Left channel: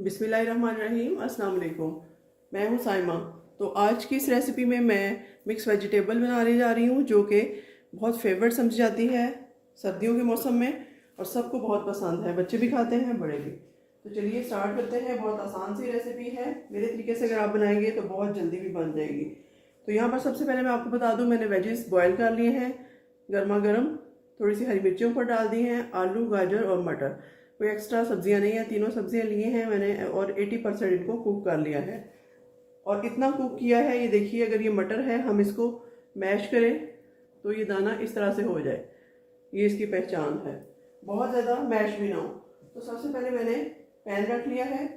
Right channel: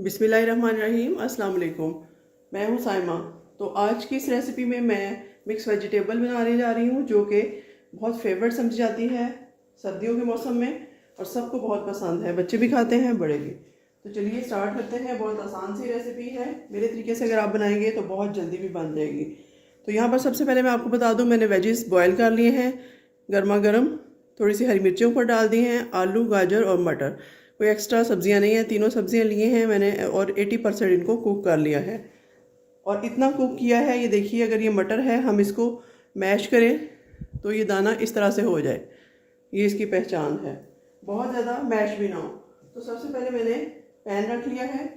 बिस्मिल्लाहिर्रहमानिर्रहीम, अस्सलाम वालेकुम। मैं हूँ साइमा। तो आज की इस रेसिपी में मैं मिक्स वेजिटेबल बनाने जा रही हूँ, जो कि बहुत फेवरेट समझी जाती है सर्दियों के मौसम में और सबको बहुत पसंद है। बच्चे भी खाते हैं, बड़े भी। तो चलिए स्टार्ट करते हैं। बहुत आसान सी रेसिपी है। मेरे तरीके से अगर आप बनाएंगे तो बहुत जल्दी भी बन जाएगी। तो यहाँ पर सबसे पहले मैं आपको बता दूँ, मैंने वेजिस बॉयल कर लिए हैं गर्मा गर्म। थोड़ी सी हरी मिर्चियों पर डाल दी हैं, आलू, गाजर और मटर। कोई एक्स्ट्रा सब्जियां नहीं है, तीनों सब्जियां लिए हैं मैंने और 80% इनको कुक कर लिया है। और इतना कुक किया है, ये देखिए, अगर ये मटर है हम इसको मैश करें तो ये दाना इस तरह से हो जाए, ये इसकी पहचान है। बहुत ज़्यादा मैश भी ना हो। तो सबसे पहले मैंने पैन रख लिया है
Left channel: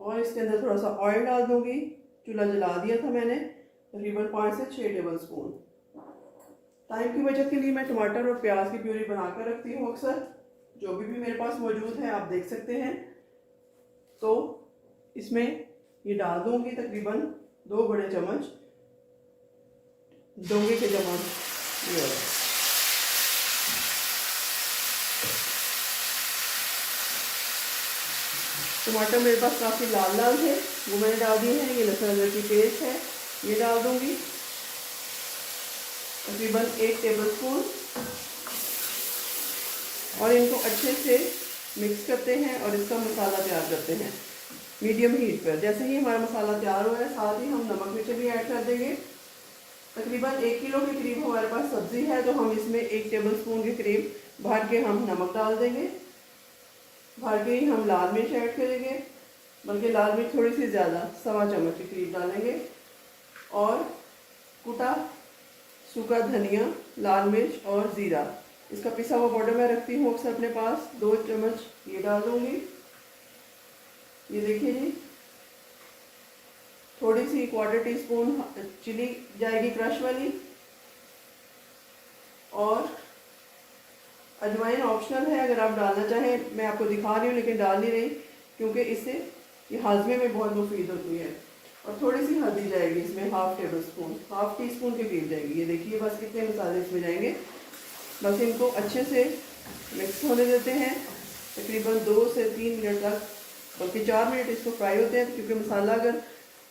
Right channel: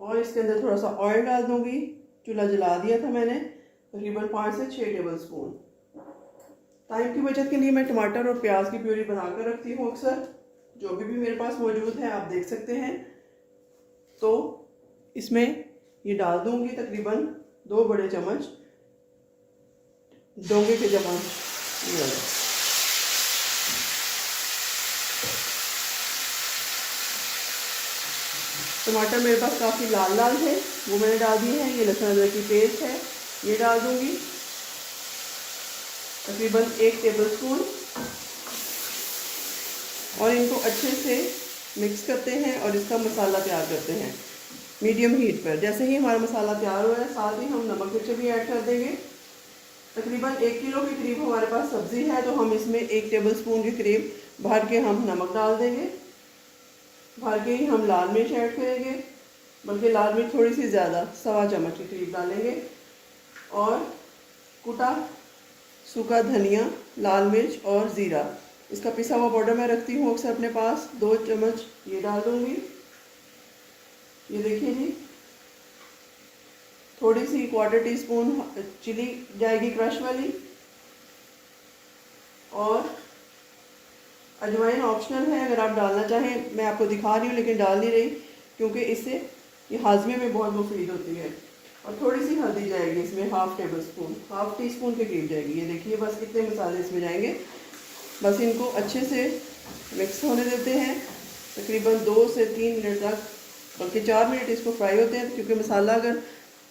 और इसके अंदर थोड़ा सा ऑयल डाल दूँगी। चूल्हा जला दिया था मैंने, तकरीबन 5 से 6 टेबल स्पून। टाइम की बचत के लिए मैं टमाटर और प्याज की प्यूरी बनाकर रखती हूँ अक्सर। जो भी मेरे पास मौजूद है आप देख सकते हैं। तो इसमें ये डाल दूंगी तकरीबन 2 बड़े चम्मच डोंगे के चम्मच ये वाला। टमाटर मेरे पास काफ़ी लाल लाल है, वो मैंने डाल दिए हैं। ये लहसुन अदरक की पेस्ट है, ये डाल दूंगी तकरीबन 1 टेबल स्पून। और इनको अच्छे से मिक्स करते हैं और इसका मसाला तैयार करते हैं मीडियम हीट पर। जैसे ही हमारा मसाला तैयार हो है, साथ ही हम नमक मिर्च भी ऐड कर देंगे। तकरीबन 1 किलो के करीब हमारे पास सब्ज़ी है, तो हम इसमें 1 टेबल स्पून के करीब भर के हम नमक डाल देंगे। भर के ही हम लाल मिर्च ऐड करेंगे, बल्कि लाल मिर्च थोड़ी सी ज़्यादा, 1.25 चम्मच के करीब डालेंगे। और कुटा सूखा धनिया, लाल मिर्च और ज़ीरा, इसका पिसा हुआ पाउडर मैं रखती हूँ अक्सर अपने पास, 2 चम्मच ये डाल दूँगी। ये देखिए जी, थोड़ी सी 1/4 टीस्पून चिली जाएगी क्रश वाली। और अजवाइन ऑप्शनल है, अगर आप डालना चाहें। मैं आपको दिखा रही हूँ लेकिन डाल नहीं रही, क्योंकि इससे ये हाजमे में बहुत मुफीद होती है। और थोड़ी सी हल्दी जाएगी इसमें, हाफ टी स्पून के करीब जाएगी। ये देखिए, बस कितने मसाले इसमें जाएंगे। बस इनको अच्छे से मिक्स होने देते हैं तकरीबन 2 से 3 मिनट तक, बल्कि 4 मिनट इसको फ्राई होते हैं। क्योंकि मसाला अगर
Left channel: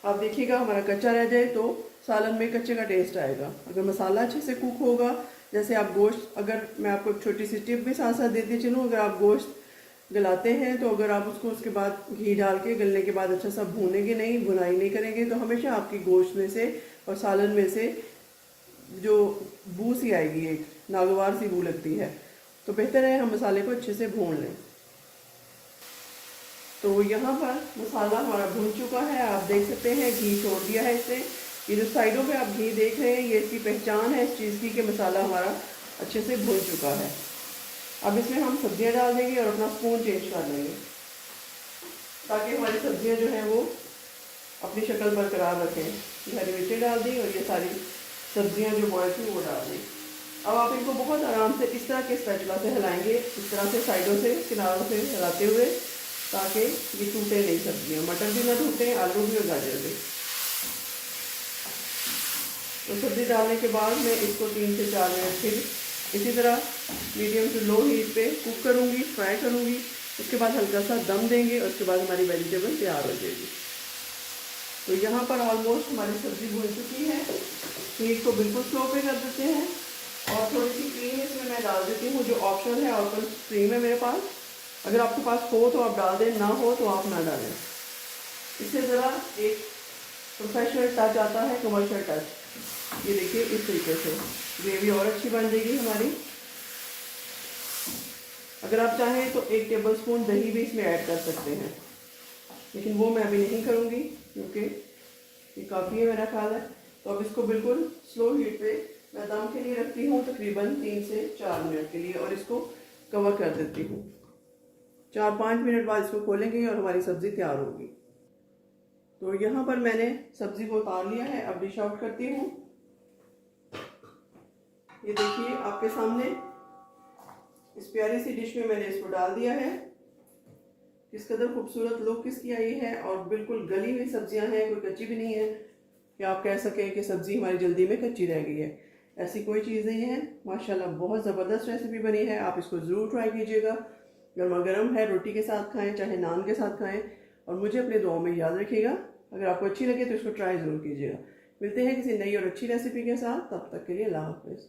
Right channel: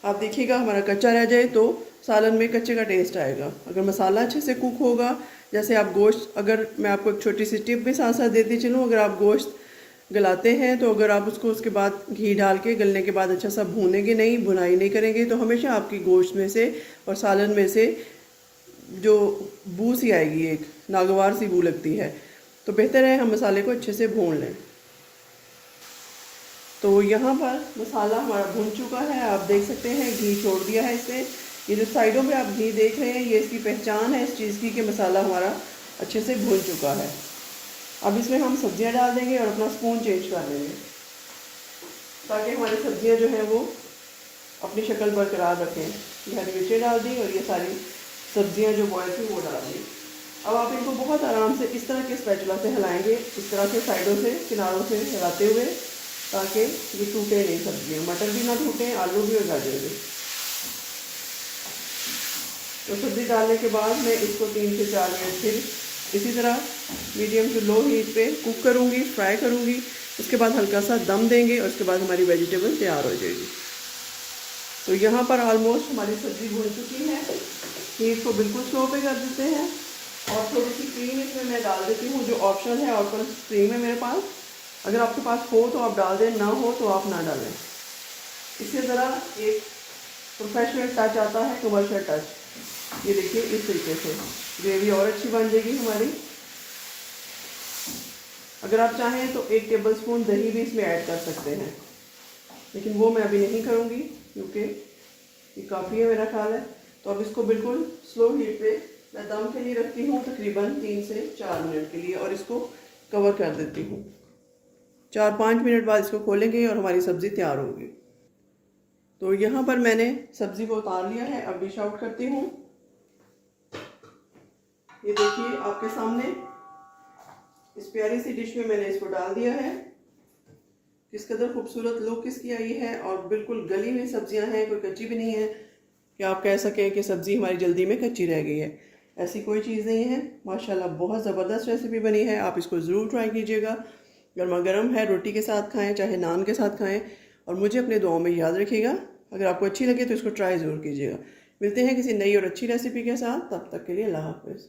आप देखिएगा हमारा कच्चा रह जाए तो सालन में कच्चे का टेस्ट आएगा। अगर मसाला अच्छे से कुक होगा, जैसे आप गोश्त, अगर मैं आपको एक छोटी सी टिप भी साथ साथ देती चलूँ, अगर आप गोश्त गलाते हैं तो अगर आप उसको उसके बाद घी डाल के गलने के बाद अच्छा सा भूनेंगे नहीं, भुनाई नहीं करेंगे, तो हमेशा आपकी गोश्त में से और सालन में से जो बू सी आएगी, एक नागवार सी बू लगती है। तो बेहतर है हम मसाले को अच्छे से भून लें। तो यहाँ पर मसाला हमारा भून चुका है, आप देख सकते हैं घी छोड़ दिया है इससे। ये जो साइडों पे आप घी देख रहे हैं, ये इसकी पहचान है इस चीज़ की कि मसाला हमारा अच्छे से भून चुका है। अब इसमें हम सब्जियां डाल देंगे और अपना स्पून चेंज कर लेंगे, ताकि हमारी सब्जियां जो हैं वो अपनी शक्ल बरकरार रखें। हरी मिर्चें डाल दी और ये सारी सब्जियां जो बॉयल थी वो डाल दी। अब आप इनको बहुत आराम से इस तरह के स्पैचुला से हिलाएंगे, इस तरह से साइडों से, किनारों से हिलाते हुए, ताकि ये टूटे नहीं सब्जियाँ। मटर भी ना टूटे, आलू भी और गाजर भी। तो सब्ज़ी डालने के बाद मैं इसको 3 से 4 मिनट फिर इसी तरह मीडियम टू लो हीट पे कुक करूँगी, फ्राई करूँगी। उसके बाद हल्का सा दम देंगे और उसके बाद हमारी वेजिटेबल तैयार हो जाएगी। तो यहाँ पर ऑलमोस्ट हमारी सब्ज़ी भून चुकी है। हीट को बिल्कुल स्लो पे कर देते हैं और थोड़ी सी क्रीम इसमें मैं डाल देती हूँ, जो ऑप्शन है, ऑप्शन क्रीम है मेरे पास। अगर आपके पास हो तो आप डाल दें, ना हो तो आप ना डालें। इससे ज़रा एक प्रोफेशनल टच आता है, कमर्शियल टच। ये देखिए, इस तरीके से ग्रेवी और अच्छी बन जाएगी हमारी। अगर आप चाहें तो 1 टेबल स्पून दही भी इसमें ऐड कर सकते हैं, लेकिन वो मैं अभी नहीं करूँगी क्योंकि ये काफ़ी है मेरा ख्याल है। तो अब इसको बिल्कुल स्लो हीट पे मैं दम के लिए रखती हूँ तकरीबन 3 से 4 मिनट के लिए, और इसको कवर कर देती हूँ। 4-5 मिनट बाद इसको खोलेंगे और हमारी सब्ज़ी तैयार होगी। तो यहाँ पर मैंने सब्ज़ी को उतार लिया है, अब डिश आउट करती हूँ। ये देखिए आपके सामने इस प्यारी सी डिश में मैंने इसको डाल दिया है। किस कदर खूबसूरत लुक इसकी आई है, और बिल्कुल गली हुई सब्जियां हैं, कोई कच्ची भी नहीं है कि आप कह सकें कि सब्ज़ी हमारी जल्दी में कच्ची रह गई है। ऐसी कोई चीज़ नहीं है। माशाल्लाह बहुत ज़बरदस्त रेसिपी बनी है, आप इसको ज़रूर ट्राई कीजिएगा। गर्मा गर्म है, रोटी के साथ खाएं, चाहे नान के साथ खाएं, और मुझे अपने दुआओं में याद रखिएगा। अगर आपको अच्छी लगे तो इसको ट्राई ज़रूर कीजिएगा। मिलते हैं किसी नई और अच्छी रेसिपी के साथ, तब तक के लिए अल्लाह हाफ़िज़।